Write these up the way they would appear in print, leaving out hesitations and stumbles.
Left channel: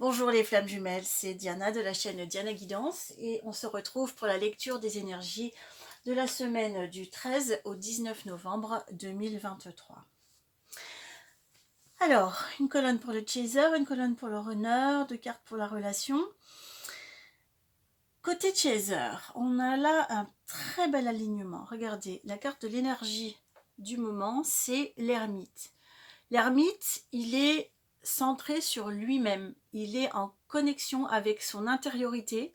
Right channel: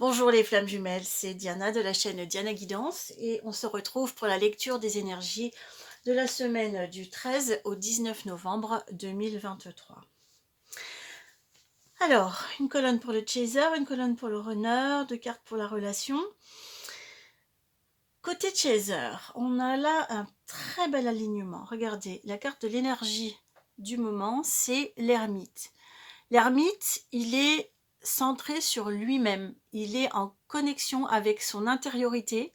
Bonjour les flammes jumelles, c'est Diana de la chaîne Diana Guidance et on se retrouve pour la lecture des énergies de la semaine du 13 au 19 novembre 2023. Alors, une colonne pour le chaser, une colonne pour le runner, deux cartes pour la relation. Côté chaser, on a là un très bel alignement. Regardez, la carte de l'énergie du moment, c'est l'ermite. L'ermite, il est centré sur lui-même. Il est en connexion avec son intériorité,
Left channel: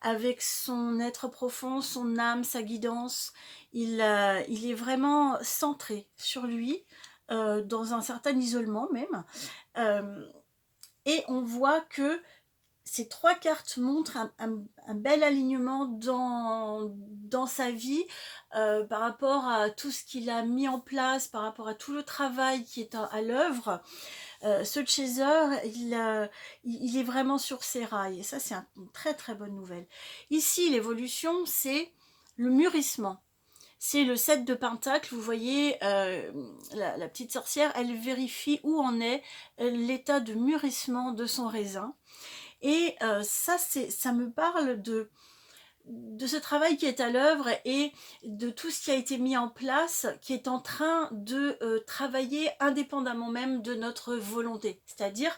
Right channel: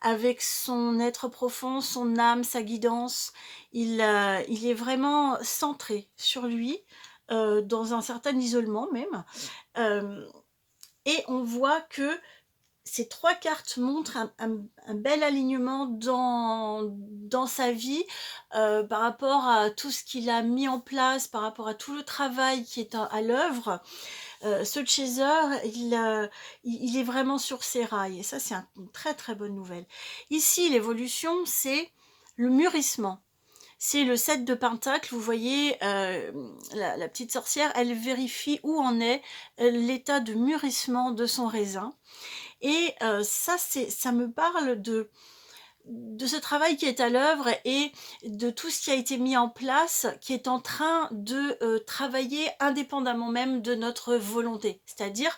avec son être profond, son âme, sa guidance. Il est vraiment centré sur lui, dans un certain isolement même. Euh, et on voit que ces trois cartes montrent un bel alignement dans sa vie, par rapport à tout ce qu'il a mis en place, par rapport à tout le travail qui est à l'œuvre. Ce chaser, il est vraiment sur ses rails et ça c'est une très très bonne nouvelle. Ici l'évolution c'est le mûrissement. C'est le 7 de Pentacle, vous voyez, la petite sorcière, elle vérifie où en est l'état de mûrissement de son raisin. Et ça me parle de ce travail qui est à l'œuvre et de tout ce qui a été mis en place, qui est en train de travailler indépendamment même de notre volonté. C'est-à-dire,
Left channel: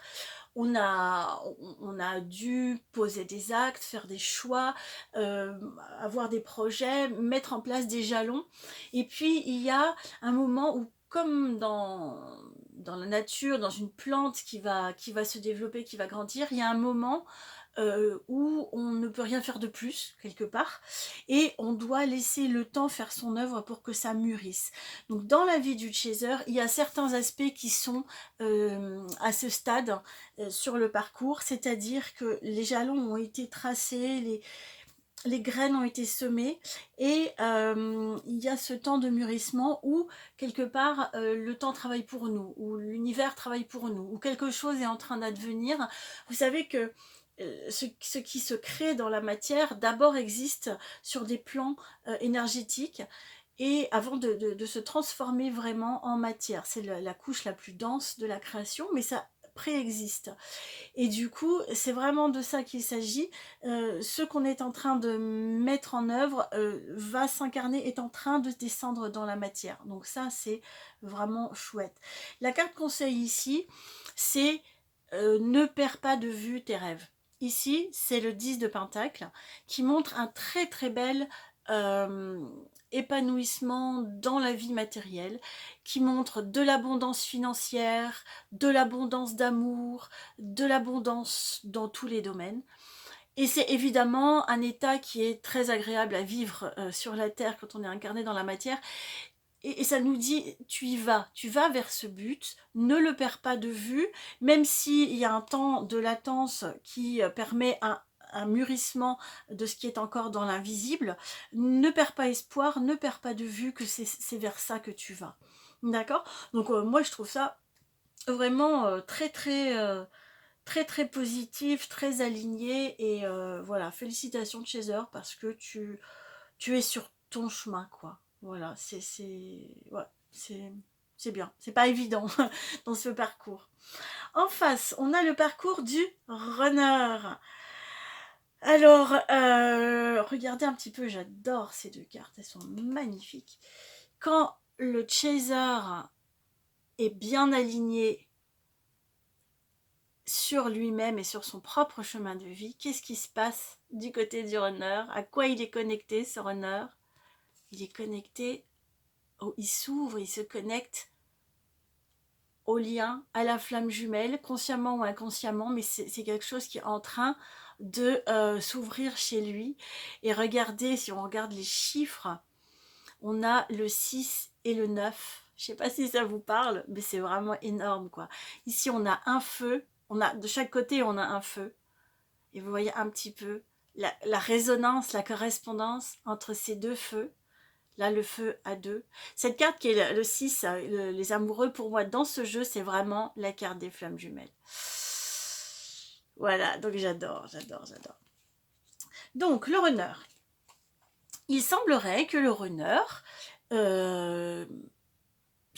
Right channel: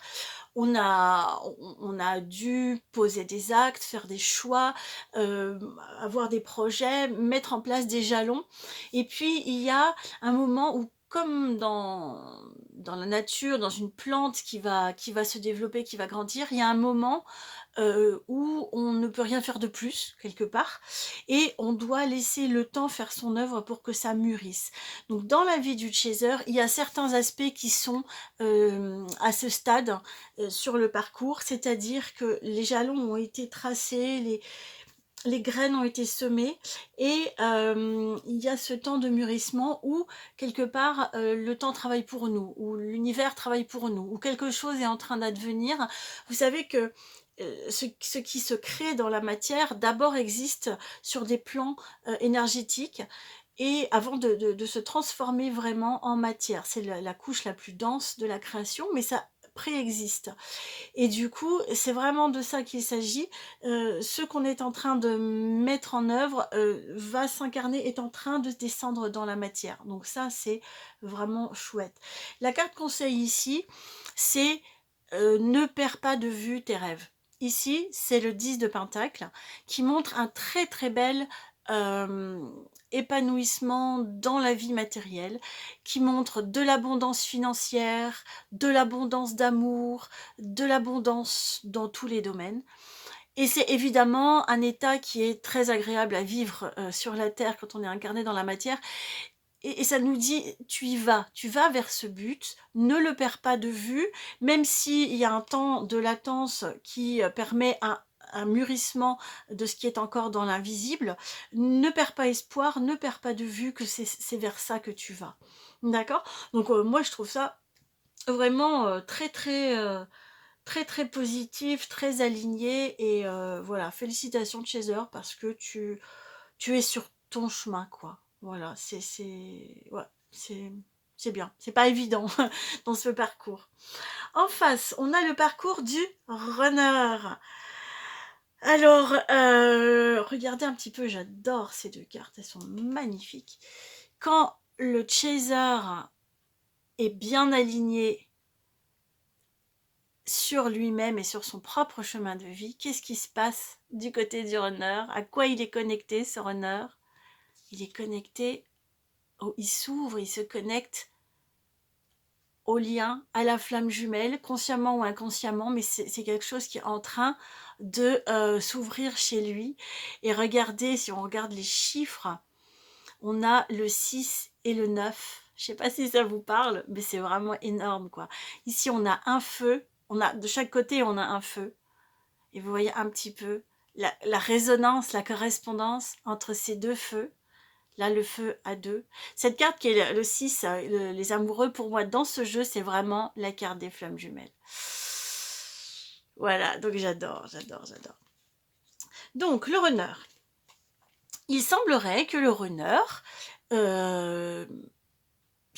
on a dû poser des actes, faire des choix, avoir des projets, mettre en place des jalons. Et puis, il y a un moment où, comme dans la nature, dans une plante qui va se développer, qui va grandir, il y a un moment où on ne peut rien faire de plus, quelque part, et on doit laisser le temps faire son œuvre pour que ça mûrisse. Donc dans la vie du chaser, il y a certains aspects qui sont à ce stade sur le parcours, c'est-à-dire que les jalons ont été tracés, les graines ont été semées et il y a ce temps de mûrissement où quelque part le temps travaille pour nous, où l'univers travaille pour nous, où quelque chose est en train d'advenir. Vous savez que ce qui se crée dans la matière d'abord existe sur des plans énergétiques et avant de se transformer vraiment en matière. C'est la couche la plus dense de la création, mais ça préexiste. Et du coup, c'est vraiment de ça qu'il s'agit. Ce qu'on est en train de mettre en œuvre va s'incarner, est en train de descendre dans la matière. Donc ça, c'est vraiment chouette. La carte conseil ici, c'est ne perds pas de vue tes rêves. Ici, c'est le 10 de Pentacle qui montre un très très bel euh, épanouissement dans la vie matérielle, qui montre de l'abondance financière, de l'abondance d'amour, de l'abondance dans tous les domaines. Et c'est évidemment un état qui est très agréable à vivre sur la Terre quand on est incarné dans la matière. Et ça nous dit, tu vas vers ce but, ne le perds pas de vue, même s'il y a un temps de latence qui permet un mûrissement de ce qui est encore dans l'invisible, ne perds pas espoir, ne perds pas de vue que c'est vers ça que tu vas. D'accord. Donc moi je trouve ça vraiment très très positif, très aligné et voilà, félicitations Chaser parce que tu es sur ton chemin quoi. Voilà, ouais, c'est bien, c'est pas évident dans ce parcours. En face, on a le parcours du runner. Alors, regardez un petit peu, j'adore ces deux cartes, elles sont magnifiques. Quand le chaser est bien aligné sur lui-même et sur son propre chemin de vie, qu'est-ce qui se passe du côté du runner? À quoi il est connecté ce runner? Il est connecté, il s'ouvre, il se connecte au lien, à la flamme jumelle, consciemment ou inconsciemment, mais c'est quelque chose qui est en train de s'ouvrir chez lui. Et regardez, si on regarde les chiffres, on a le 6 et le 9. Je ne sais pas si ça vous parle, mais c'est vraiment énorme, quoi. Ici, on a un feu, de chaque côté, on a un feu. Et vous voyez un petit peu la résonance, la correspondance entre ces deux feux. Là, le feu à deux. Cette carte qui est le 6, les amoureux, pour moi, dans ce jeu, c'est vraiment la carte des flammes jumelles. Voilà, donc j'adore, j'adore, j'adore. Donc, le runner. Il semblerait que le runner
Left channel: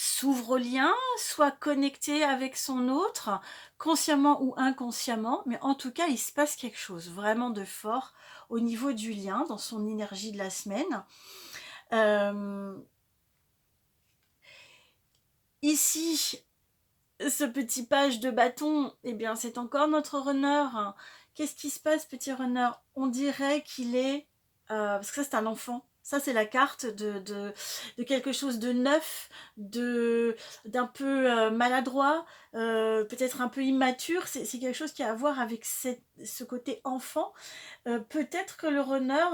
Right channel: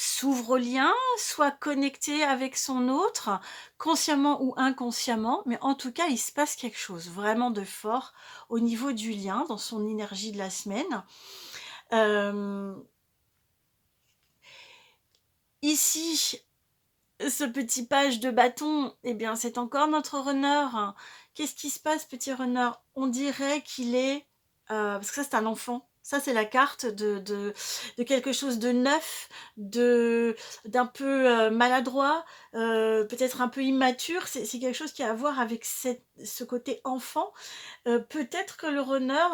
s'ouvre au lien, soit connecté avec son autre, consciemment ou inconsciemment, mais en tout cas, il se passe quelque chose vraiment de fort au niveau du lien, dans son énergie de la semaine. Hem, ici, ce petit page de bâton, eh bien, c'est encore notre runner. Qu'est-ce qui se passe, petit runner? On dirait qu'il est, parce que ça, c'est un enfant. Ça, c'est la carte de quelque chose de neuf, d'un peu maladroit, peut-être un peu immature. C'est quelque chose qui a à voir avec ce côté enfant. Peut-être que le runner,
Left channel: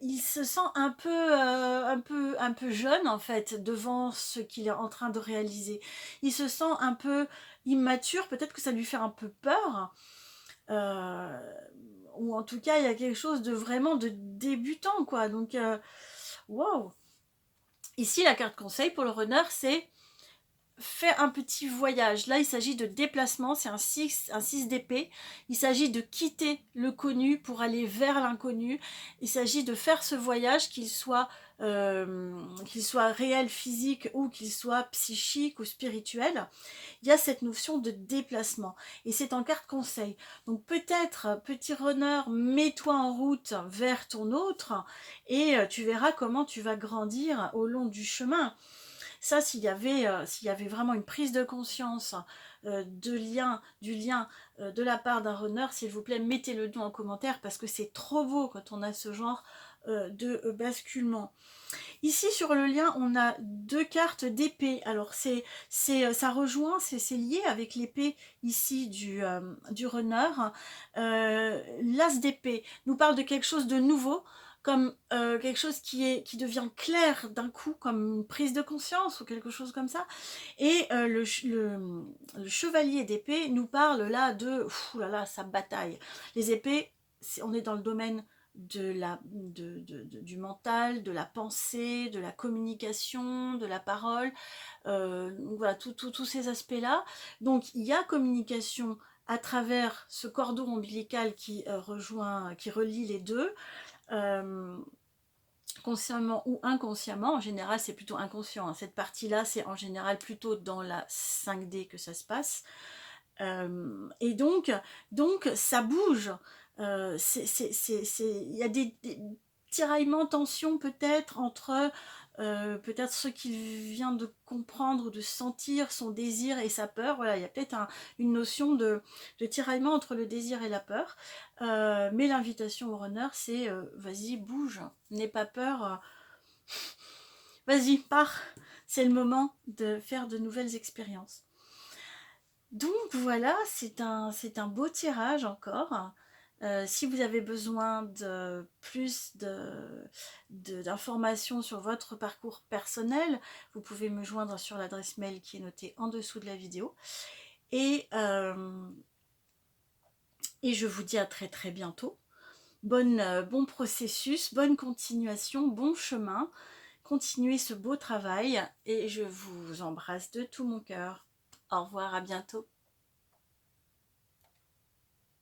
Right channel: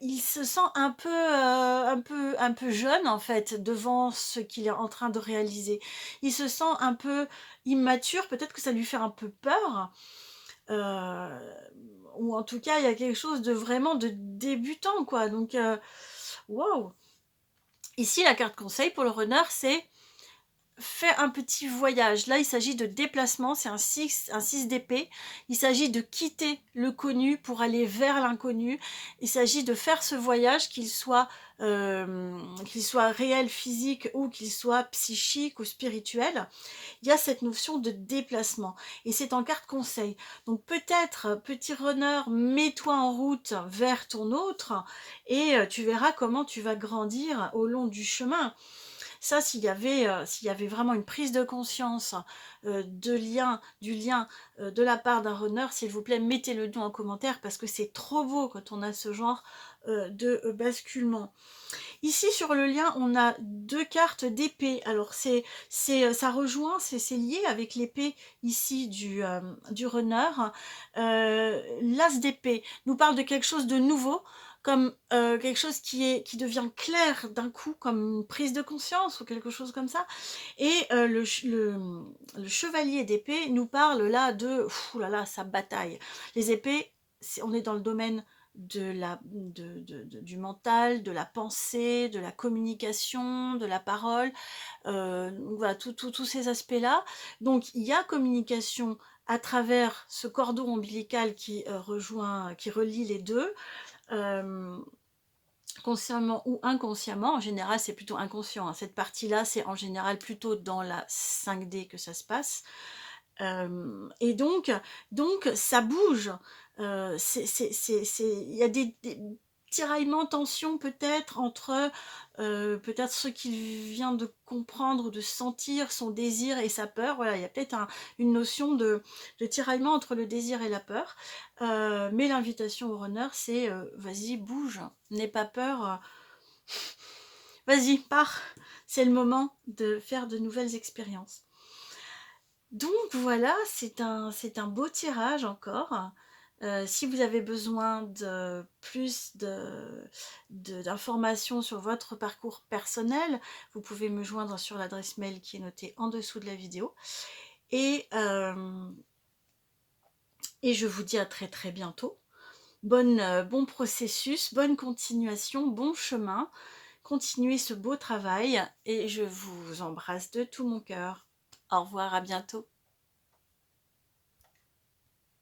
il se sent un peu jeune, en fait, devant ce qu'il est en train de réaliser. Il se sent un peu immature, peut-être que ça lui fait un peu peur, heu, ou en tout cas, il y a quelque chose de vraiment de débutant, quoi, donc waouh! Ici, la carte conseil pour le runner, c'est: fais un petit voyage. Là, il s'agit de déplacement, c'est un 6 d'épée. Il s'agit de quitter le connu pour aller vers l'inconnu. Il s'agit de faire ce voyage, qu'il soit réel, physique ou qu'il soit psychique ou spirituel. Il y a cette notion de déplacement et c'est en carte conseil. Donc peut-être, petit runner, mets-toi en route vers ton autre et tu verras comment tu vas grandir au long du chemin. Ça, s'il y avait vraiment une prise de conscience, du lien, de la part d'un runner, s'il vous plaît, mettez-le nous en commentaire parce que c'est trop beau quand on a ce genre, de, basculement. Ici, sur le lien, on a 2 cartes d'épée. Alors ça rejoint, c'est lié avec l'épée ici du runner. L'as d'épée nous parle de quelque chose de nouveau, comme, quelque chose qui devient clair d'un coup, comme une prise de conscience ou quelque chose comme ça et le chevalier d'épée nous parle là de, ouh là là, sa bataille. Les épées, on est dans le domaine du mental, de la pensée, de la communication, de la parole, donc voilà, tous ces aspects-là. Donc il y a communication à travers ce cordon ombilical qui relie les deux, hem, consciemment ou inconsciemment. En général, c'est plutôt inconscient, hein. Cette partie-là, c'est en général plutôt dans la 5D que ça se passe. Et donc ça bouge. Il y a des tiraillements, tensions peut-être entre, peut-être ce qu'il vient de comprendre ou de sentir, son désir et sa peur. Voilà, il y a peut-être une notion de tiraillement entre le désir et la peur. Mais l'invitation au runner, c'est, vas-y, bouge, n'aie pas peur, vas-y, pars. C'est le moment de faire de nouvelles expériences. Donc voilà, c'est un beau tirage encore. Si vous avez besoin de plus d'informations sur votre parcours personnel, vous pouvez me joindre sur l'adresse mail qui est notée en dessous de la vidéo. Et, et je vous dis à très très bientôt. Bon processus, bonne continuation, bon chemin. Continuez ce beau travail et je vous embrasse de tout mon cœur. Au revoir, à bientôt.